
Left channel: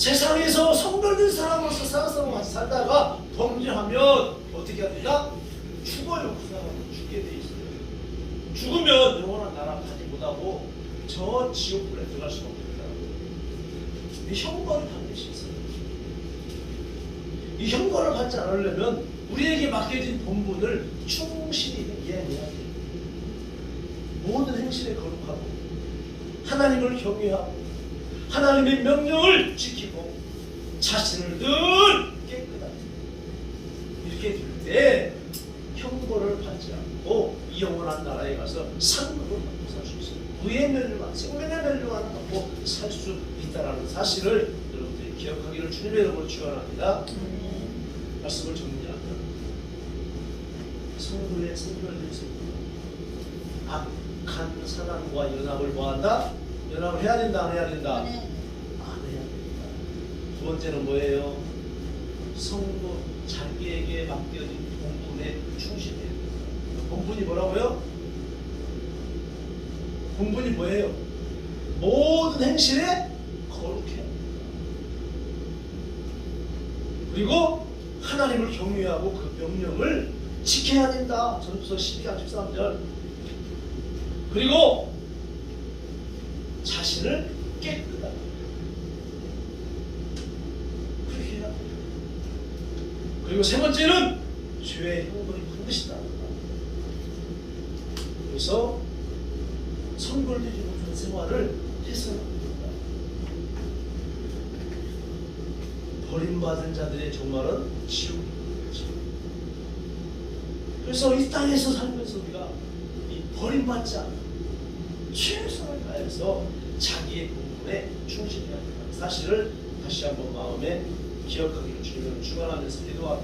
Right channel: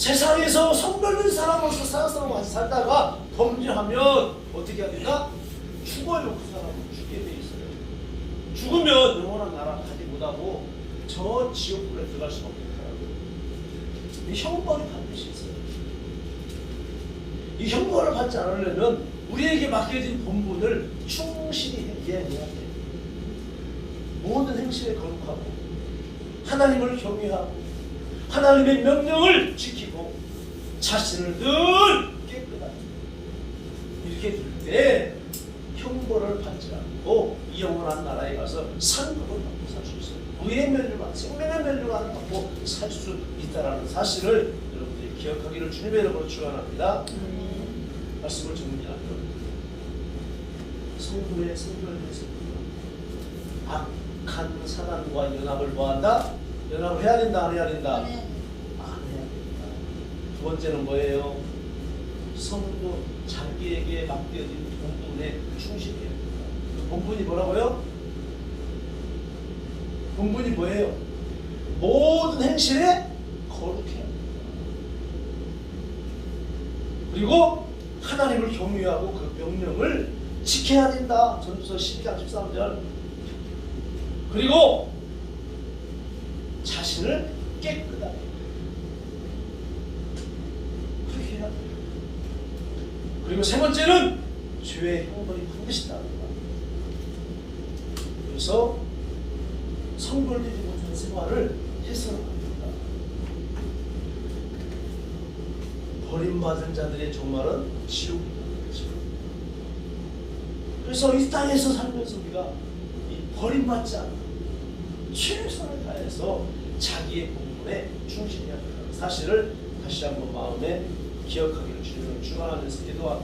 세상에서 성별된 사람으로서 사랑스러운 같이 살다가 범죄하면 어떻게 해야 된다? 죽어요. 그 사람은 죽게 돼 있어요. 죽으면 영원한 나라 가지 못하고 저 지옥불에 들어갈 수밖에 없다. 이 형벌이 반드시 있어요. 이 형벌을 받지 않으려면 우리에게 맡겨진 본분을 충실히 이해해야 돼요. 모든 행실에 거룩하고 하나님을 경외하고 하나님의 명령을 지키고 자신을 늘 깨끗하게 이렇게 될 때 형벌을 받지 않고 이 영원한 나라에 가서 상급을 받고 살 수 있어요. 부의 멸류관, 생명의 멸류관을 받고 살 수 있다는 사실을 여러분들이 기억하기를 주님의 이름으로 축원합니다. 말씀을 정리합니다. 성도의 성별된 성도, 악한 사단과 연합을 뭐한다? 연합을 해야 된다, 안 해야 된다? 안 해야 된다. 두 번째는 뭐예요? 성도 자기에게 맡겨진 본분에 충실해야 된다. 본분이 뭐라고요? 본분이 뭐예요? 모든 행실에 거룩해야 된다. 그리고 하나님을 경외하고 그 명령을 지켜야 된다. 전도서 12장 13절. 그리고 자신을 깨끗하게 그렇게 해야 돼요. 그리고 세 번째는 죄의 형벌이 반드시 따른다. 그래서 성별되지 못한 생활을 해서는 안 된다. 버림받은 자들의 종말은 지옥입니다. 그래서 이 땅에서 살면서 우리가 이 버림받지 않는 최선을 다해서 자기의 본분에 충실해야 한다는 사실을 다시 한번 마음에 기억하기를 주님을 축원하면서 기도합니다.